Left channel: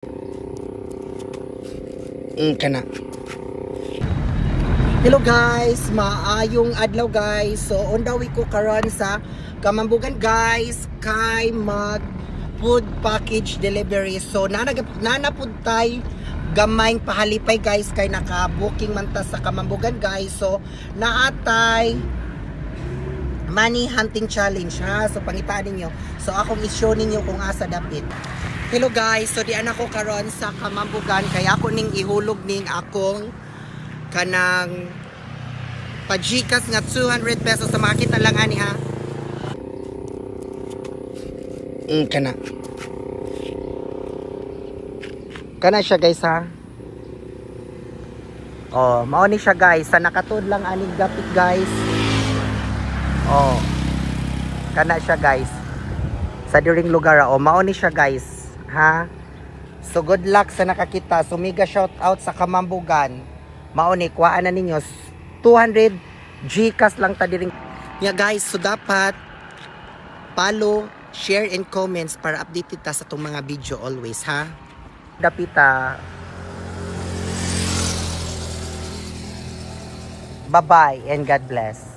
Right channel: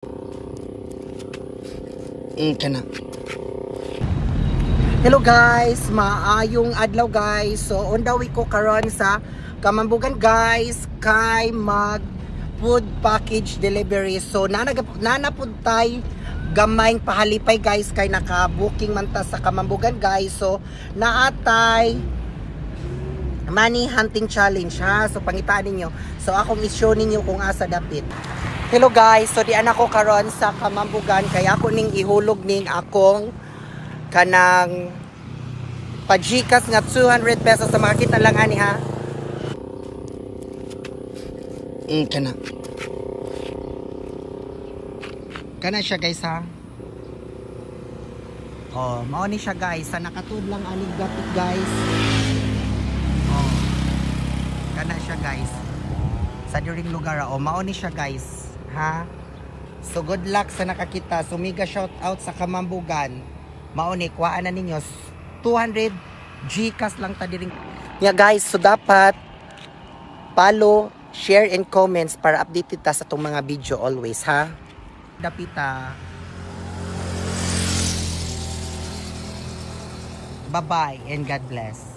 Kana. Hello guys, maayong adlaw guys. So on the way ko karon sa Kamambugan guys kay mag food package delivery. So nanapud tay gamayng pahalipay guys kay naka-booking man ta sa Kamambugan guys. So naatay money hunting challenge ha. So pangitaan ninyo. So akong i-show ninyo kung asa dapit. Hello guys, so di anak ko karon sa Kamambugan kaya ako ning ihulog ning akong kanang pajikas nga 200 pesos sa makita lang ani ha. Kana. Kana siya guys ha. Oh, mao ni siya guys, sa nakatuod lang aning dapit guys. Oh. Kana siya guys. Sa diring lugar oh, mao ni siya guys. Ha? So good luck sa nakakita. So mega shout out sa Kamambugan. Mauni kuhaan na ninyo 200 Gcash lang ta diring. Yeah guys, so dapat follow, share and comments para updated ta sa tong mga video always ha. Dapita. Bye bye and God bless.